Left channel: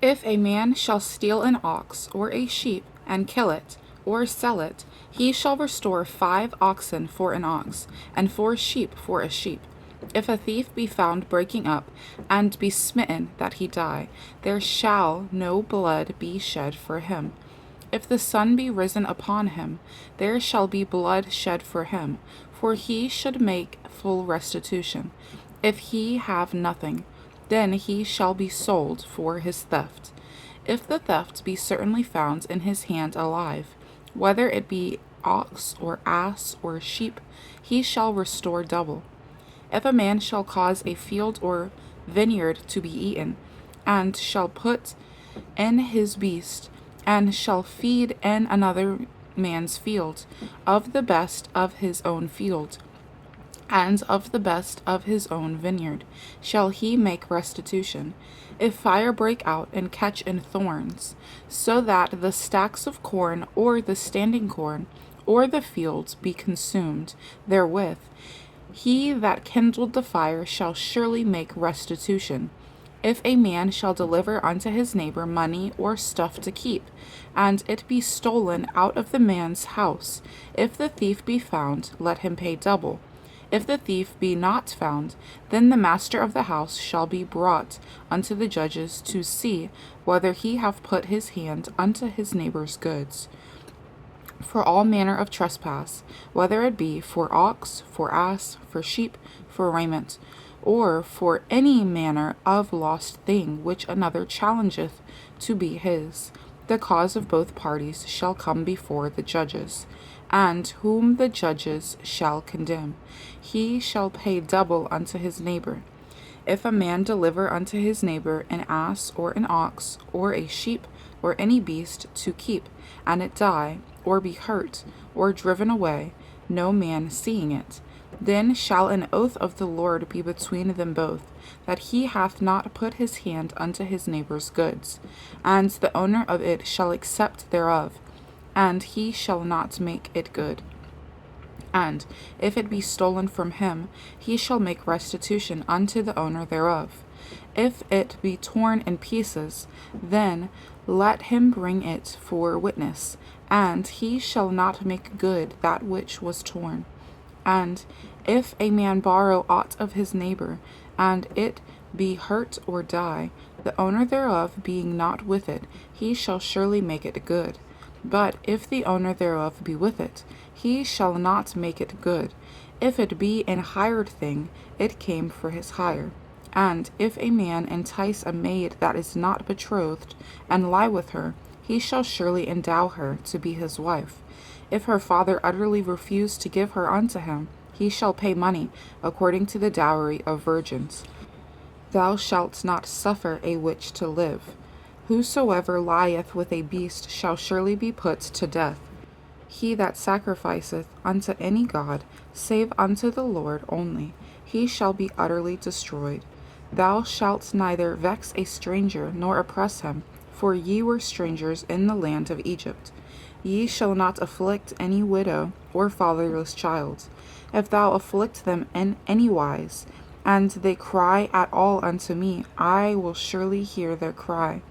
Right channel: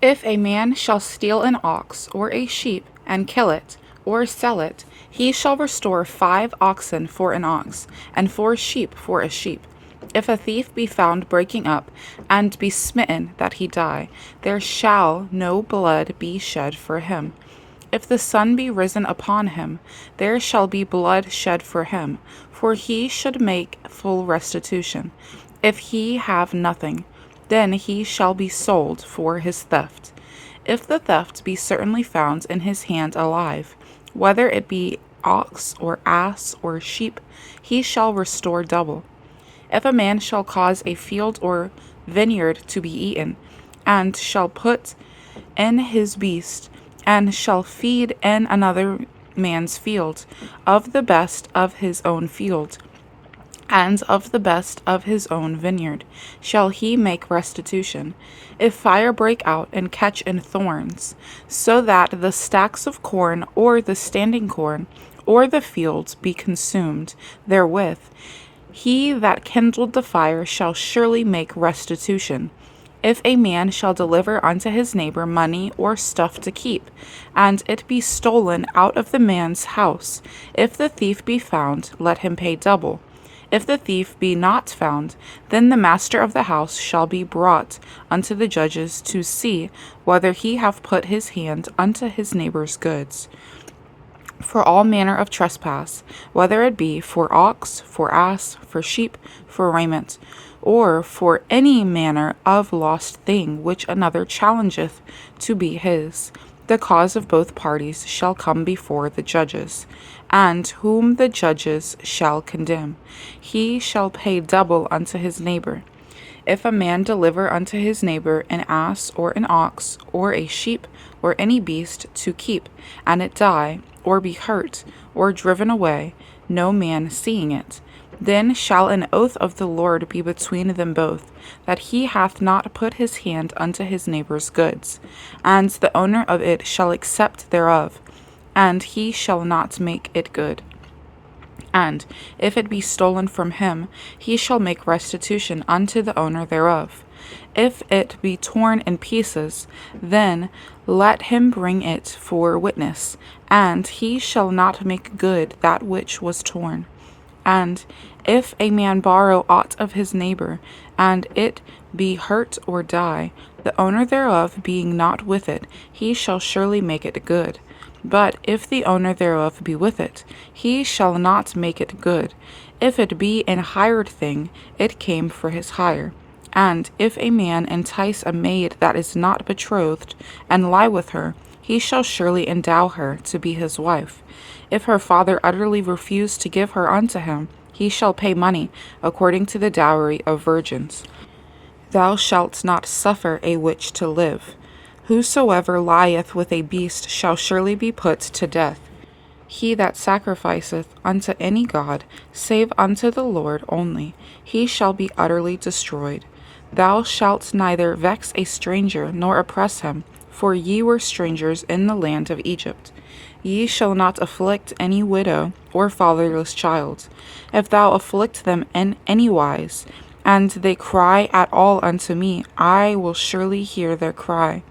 If a man shall steal an ox or a sheep, and kill it, or sell it, he shall restore 5 oxen for an ox, and 4 sheep for a sheep. If a thief be found breaking up, and be smitten that he die, there shall no blood be shed for him. If the sun be risen upon him, there shall be blood shed for him, for he should make full restitution. If he have nothing, then he shall be sold for his theft. If the theft be certainly found in his hand alive, whether it be ox or ass or sheep, he shall restore double. If a man shall cause a field or vineyard to be eaten, and shall put in his beast, and shall feed in another man's field, of the best of his own field, and of the best of his own vineyard, shall he make restitution. If fire break out and catch in thorns, so that the stacks of corn or the standing corn or the fields be consumed therewith, he that kindled the fire shall surely make restitution. If a man shall deliver unto his neighbor money or stuff to keep, and it be stolen out of the man's house, if the thief be found, let him pay double. If the thief be not found, then the master of the house shall be brought unto the judges to see whether he have put his hand unto his neighbor's goods. For all manner of trespass, whether it be for ox, for ass, for sheep, for raiment, or for any manner of lost thing which another challengeth to be his, the cause of both parties shall come before the judges, and whom the judges shall condemn, he shall pay double unto his neighbor. If a man deliver unto his neighbor an ass or an ox or a sheep or any beast to keep, and it die, or be hurt, or driven away, no man seeing it, then shall an oath of the Lord be between them both, that he hath not put his hand unto his neighbor's goods, and the owner of it shall accept thereof, and he shall not make it good. And if it be stolen from him, he shall make restitution unto the owner thereof. If it be torn in pieces, then let him bring it for witness, and he shall not make good that which was torn. And if a man borrow aught of his neighbor, and it be hurt or die, the owner thereof being not with it, he shall surely make it good. But if the owner thereof be with it, he shall not make it good. If it be an hired thing, it came for his hire. And if a man entice a maid that is not betrothed, and lie with her, he shall surely endow her to be his wife. If her father utterly refuse to give her unto him, he shall pay money, according to the dowry of virgins. Thou shalt not suffer a witch to live. Whosoever lieth with a beast shall surely be put to death. He that sacrificeth unto any god, save unto the Lord only, he shall be utterly destroyed. Thou shalt neither vex a stranger nor oppress him, for ye were strangers in the land of Egypt. Ye shall not afflict any widow or fatherless child. If thou afflict them in any wise, and they cry at all unto me, I will surely hear their cry.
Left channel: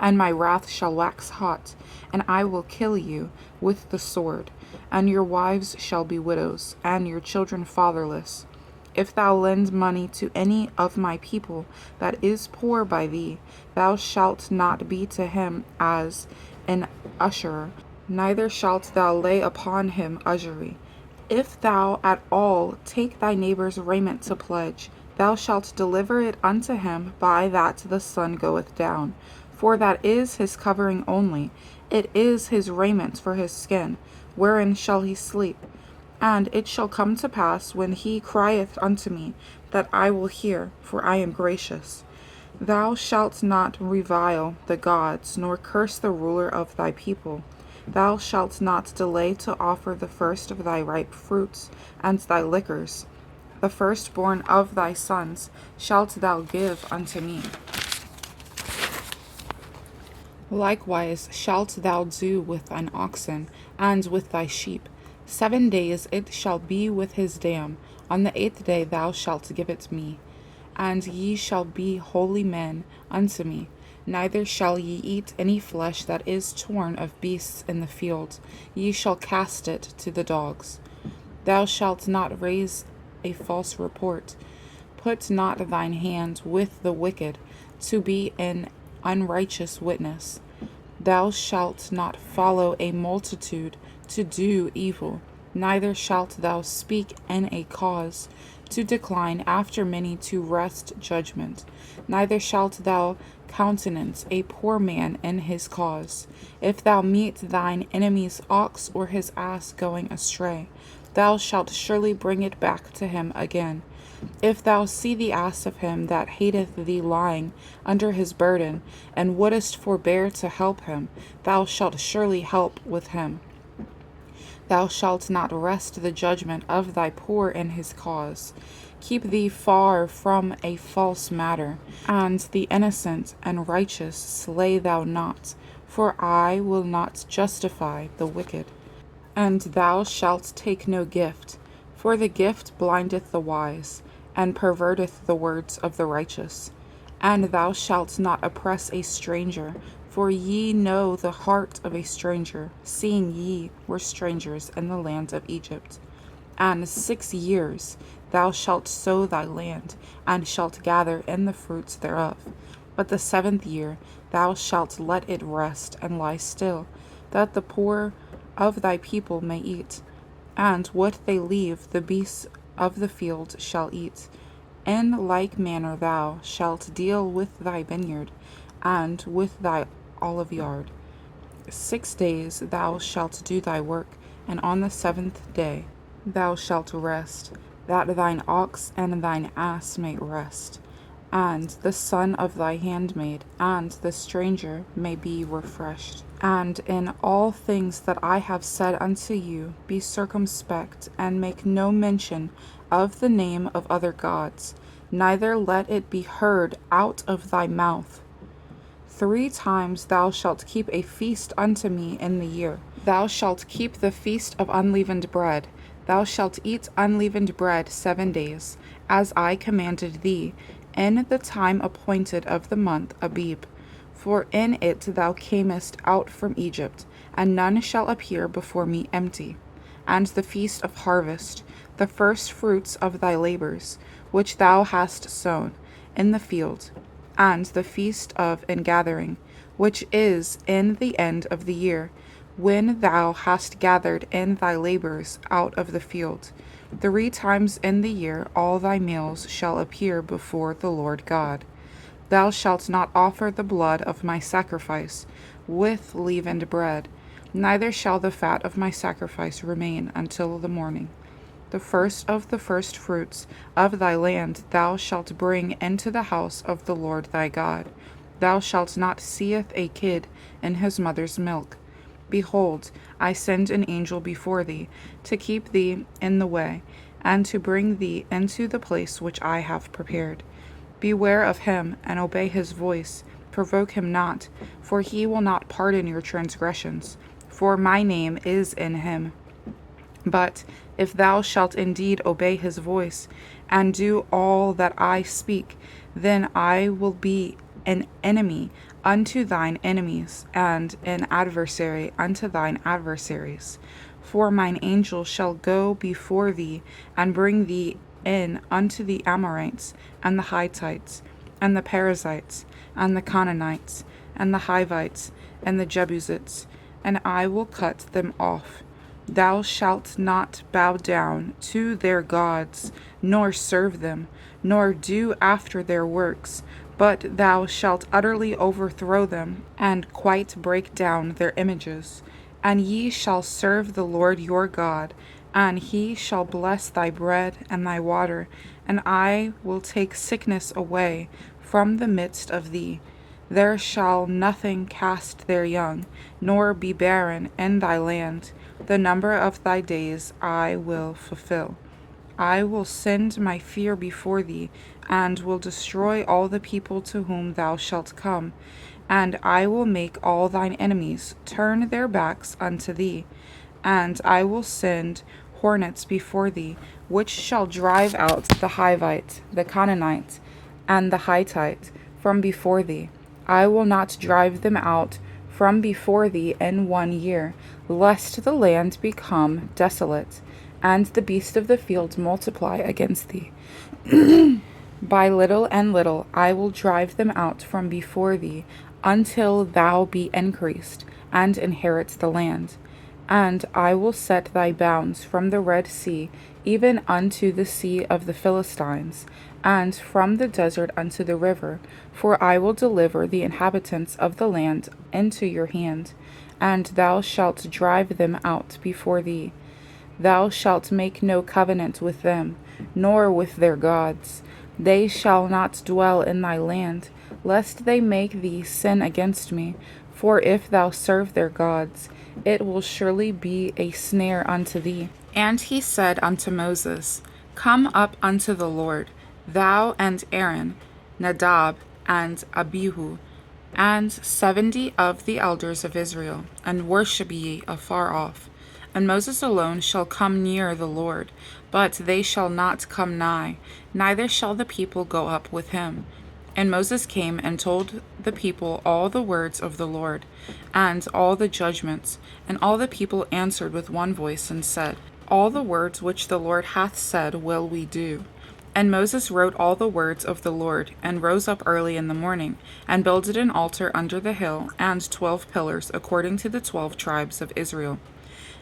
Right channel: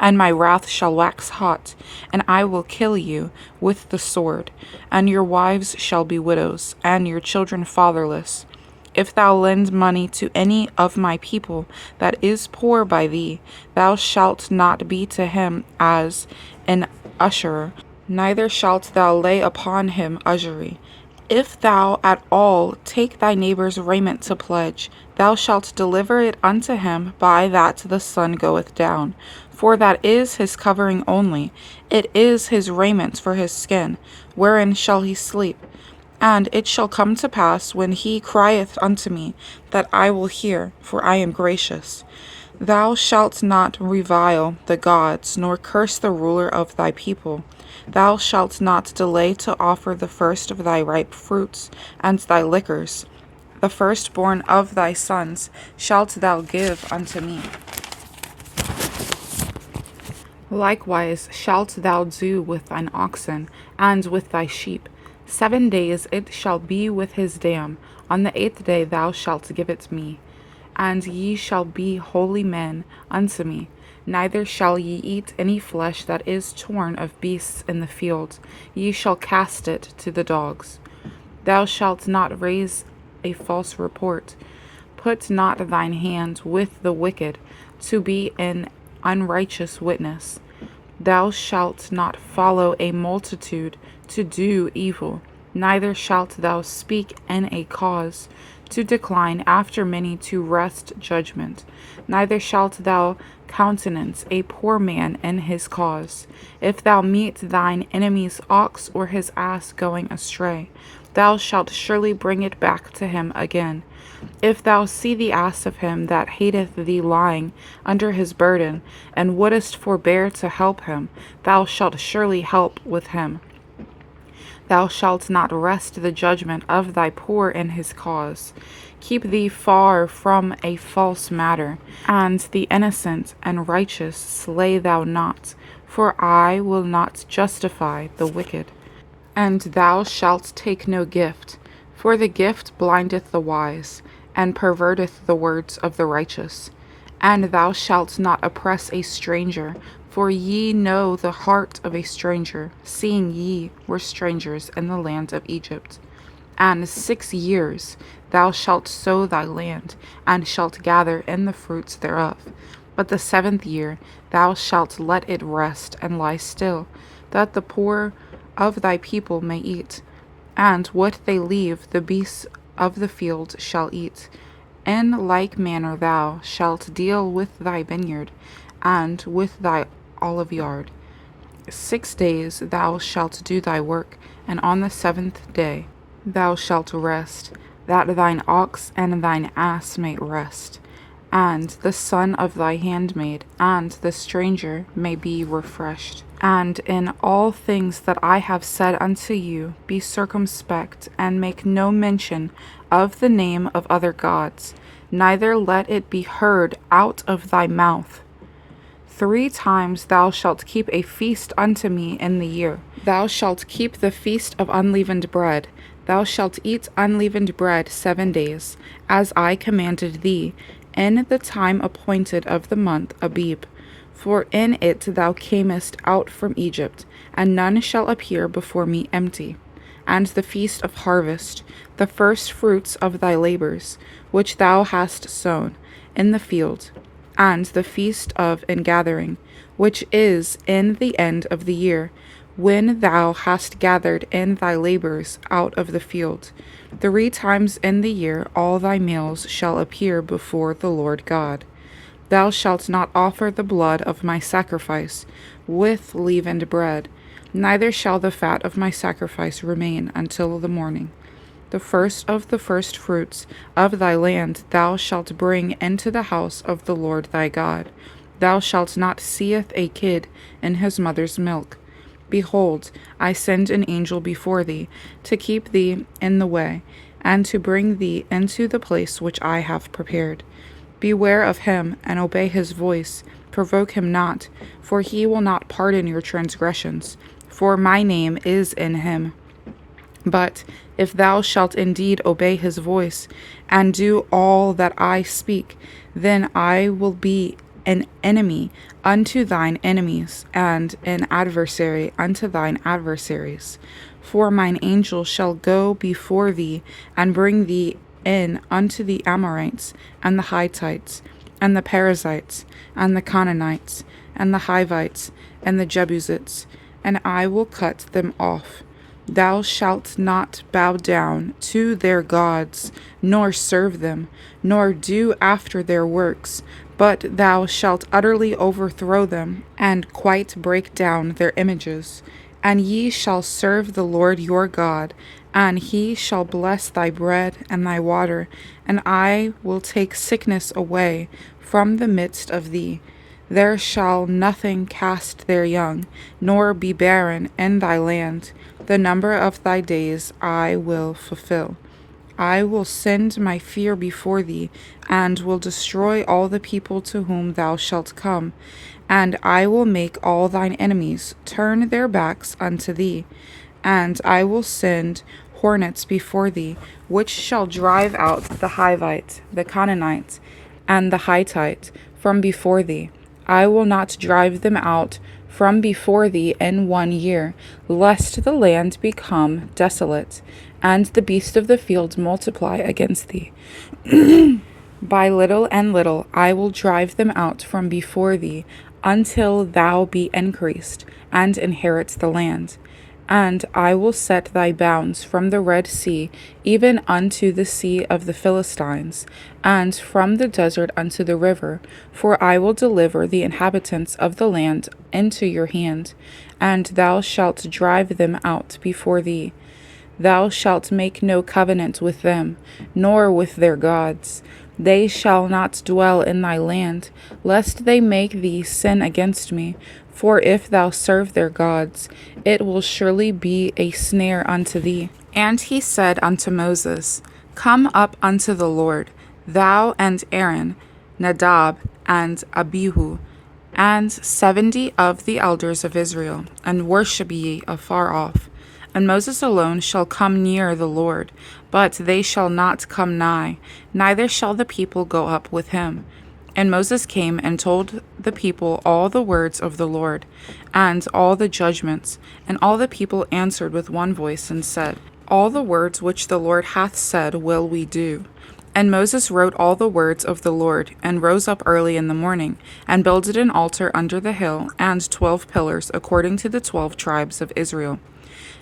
And my wrath shall wax hot, and I will kill you with the sword, and your wives shall be widows, and your children fatherless. If thou lend money to any of my people that is poor by thee, thou shalt not be to him as an usurer, neither shalt thou lay upon him usury. If thou at all take thy neighbor's raiment to pledge, thou shalt deliver it unto him by that the sun goeth down. For that is his covering only, it is his raiment for his skin, wherein shall he sleep. And it shall come to pass, when he crieth unto me, that I will hear, for I am gracious. Thou shalt not revile the gods, nor curse the ruler of thy people. Thou shalt not delay to offer the first of thy ripe fruits, and thy liquors. The firstborn of thy sons shalt thou give unto me. Likewise shalt thou do with thine oxen, and with thy sheep. 7 days it shall be with his dam. On the 8th day thou shalt give it me. And ye shall be holy men unto me. Neither shall ye eat any flesh that is torn of beasts in the field. Ye shall cast it to the dogs. Thou shalt not raise a false report. Put not thine hand with the wicked, to be an unrighteous witness. Thou shalt not follow a multitude to do evil, neither shalt thou speak in a cause, to decline after many to wrest judgment. Neither shalt thou countenance a poor man in his cause. If thou meet thine enemy's ox or his ass going astray, thou shalt surely bring it back to him again. If thou see the ass of him that hateth thee lying under his burden, and wouldest forbear to help him, thou shalt surely help with him. Thou shalt not wrest the judgment of thy poor in his cause. Keep thee far from a false matter, and the innocent and righteous slay thou not, for I will not justify the wicked. And thou shalt take no gift, for the gift blindeth the wise, and perverteth the words of the righteous. And thou shalt not oppress a stranger, for ye know the heart of a stranger, seeing ye were strangers in the land of Egypt. And 6 years thou shalt sow thy land, and shalt gather in the fruits thereof. But the 7th year thou shalt let it rest and lie still, that the poor of thy people may eat. And what they leave, the beasts of the field shall eat. In like manner thou shalt deal with thy vineyard, and with thy oliveyard. 6 days thou shalt do thy work, and on the 7th day thou shalt rest, that thine ox and thine ass may rest, and the son of thy handmaid and the stranger may be refreshed. And in all things that I have said unto you, be circumspect, and make no mention of the name of other gods, neither let it be heard out of thy mouth. 3 times thou shalt keep a feast unto me in the year. Thou shalt keep the feast of unleavened bread. Thou shalt eat unleavened bread 7 days, as I commanded thee, in the time appointed of the month Abib. For in it thou camest out from Egypt, and none shall appear before me empty. And the feast of harvest, the first fruits of thy labors, which thou hast sown in the field, and the feast of ingathering, which is in the end of the year, when thou hast gathered in thy labors out of the field. 3 times in the year all thy males shall appear before the Lord God. Thou shalt not offer the blood of my sacrifice with leavened bread, neither shall the fat of my sacrifice remain until the morning. The first of the first fruits of thy land thou shalt bring into the house of the Lord thy God. Thou shalt not seeth a kid in his mother's milk. Behold, I send an angel before thee, to keep thee in the way, and to bring thee into the place which I have prepared. Beware of him, and obey his voice. Provoke him not, for he will not pardon your transgressions, for my name is in him. But if thou shalt indeed obey his voice, and do all that I speak, then I will be an enemy unto thine enemies, and an adversary unto thine adversaries. For mine angel shall go before thee, and bring thee in unto the Amorites, and the Hittites, and the Perizzites, and the Canaanites, and the Hivites, and the Jebusites, and I will cut them off. Thou shalt not bow down to their gods, nor serve them, nor do after their works, but thou shalt utterly overthrow them, and quite break down their images. And ye shall serve the Lord your God, and he shall bless thy bread and thy water, and I will take sickness away from the midst of thee. There shall nothing cast their young, nor be barren in thy land. The number of thy days I will fulfill. I will send my fear before thee, and will destroy all the people to whom thou shalt come. And I will make all thine enemies turn their backs unto thee. And I will send hornets before thee, which shall drive out the Hivite, the Canaanite, and the Hittite from before thee. I will not drive them out from before thee in 1 year, lest the land become desolate, and the beasts of the field multiply against thee. By little and little I will drive them out from before thee, until thou be increased, and inherit the land. And I will set thy bounds from the Red Sea even unto the sea of the Philistines, and from the desert unto the river. For I will deliver the inhabitants of the land into your hand, and thou shalt drive them out before thee. Thou shalt make no covenant with them, nor with their gods. They shall not dwell in thy land, lest they make thee sin against me. For if thou serve their gods, it will surely be a snare unto thee. And he said unto Moses, Come up unto the Lord, thou and Aaron, Nadab and Abihu, and 70 of the elders of Israel, and worship ye afar off. And Moses alone shall come near the Lord, but they shall not come nigh, neither shall the people go up with him. And Moses came and told the people all the words of the Lord, and all the judgments. And all the people answered with one voice, and said, All the words which the Lord hath said will we do. And Moses wrote all the words of the Lord, and rose up early in the morning, and builded an altar under the hill, and 12 pillars, according to the 12 tribes of Israel.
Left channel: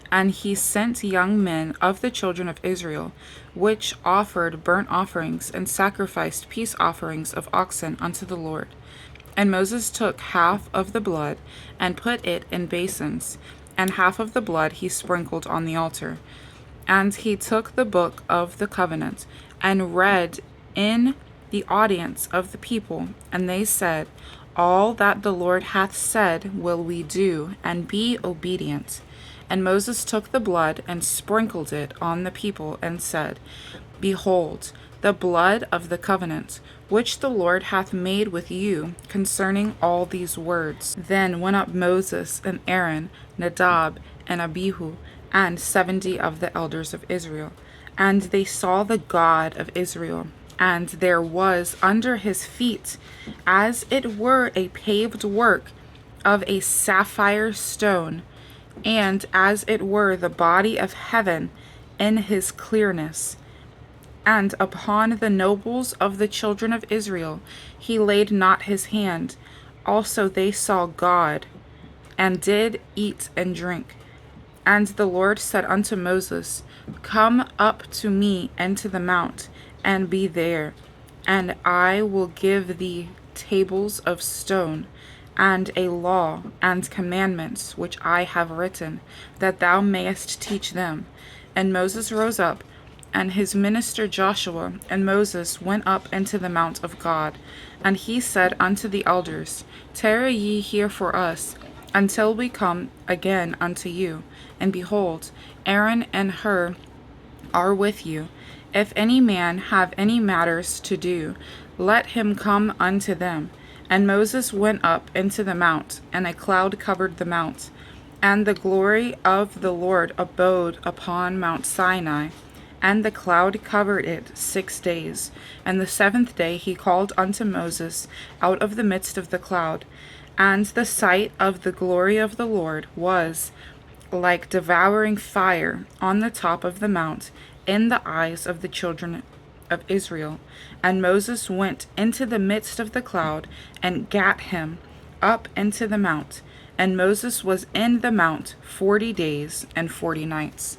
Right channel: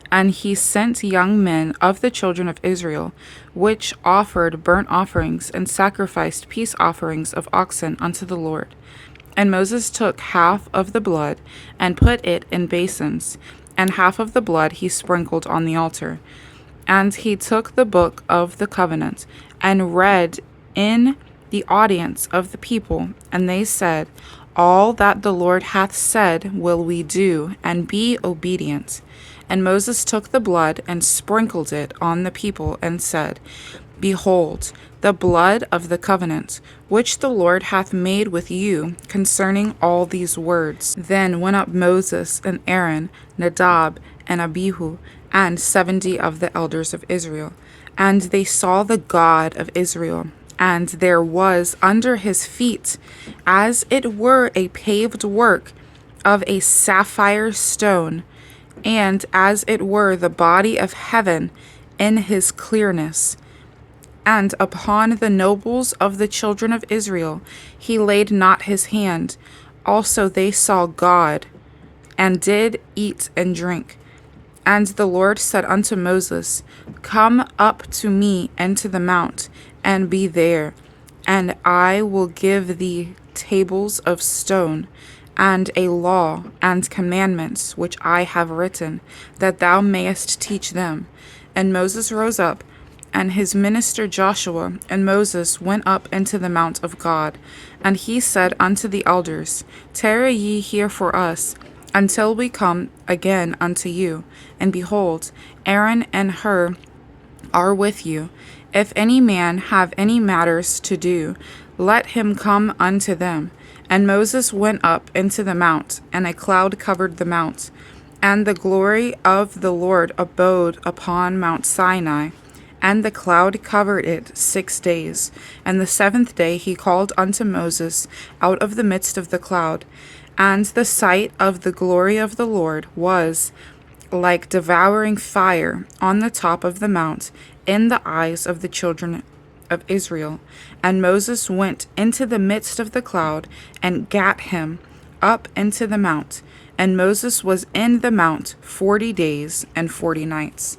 And he sent young men of the children of Israel, which offered burnt offerings and sacrificed peace offerings of oxen unto the Lord. And Moses took half of the blood, and put it in basins, and half of the blood he sprinkled on the altar. And he took the book of the covenant, and read in the audience of the people, and they said, All that the Lord hath said will we do, and be obedient. And Moses took the blood and sprinkled it on the people, and said, Behold, the blood of the covenant, which the Lord hath made with you concerning all these words. Then went up Moses and Aaron, Nadab and Abihu, and 70 of the elders of Israel. And they saw the God of Israel, and there was under his feet, as it were a paved work of a sapphire stone, and as it were the body of heaven in his clearness. And upon the nobles of the children of Israel he laid not his hand. Also they saw God, and did eat and drink. And the Lord said unto Moses, Come up to me into the mount, and be there, and I will give thee tables of stone, and a law and commandments which I have written, that thou mayest teach them. And Moses rose up, and his minister Joshua and Moses went up into the mount of God. And he said unto the elders, Tarry ye here for us, until we come again unto you. And behold, Aaron and Hur are with you. If any man have any matters to do, let him come unto them. And Moses went up into the mount, and a cloud covered the mount. And the glory of the Lord abode upon Mount Sinai. And the cloud covered it 6 days. And the 7th day he called unto Moses out of the midst of the cloud. And the sight of the glory of the Lord was like devouring fire on the top of the mount in the eyes of the children of Israel. And Moses went into the midst of the cloud, and gat him up into the mount. And Moses was in the mount 40 days and 40 nights.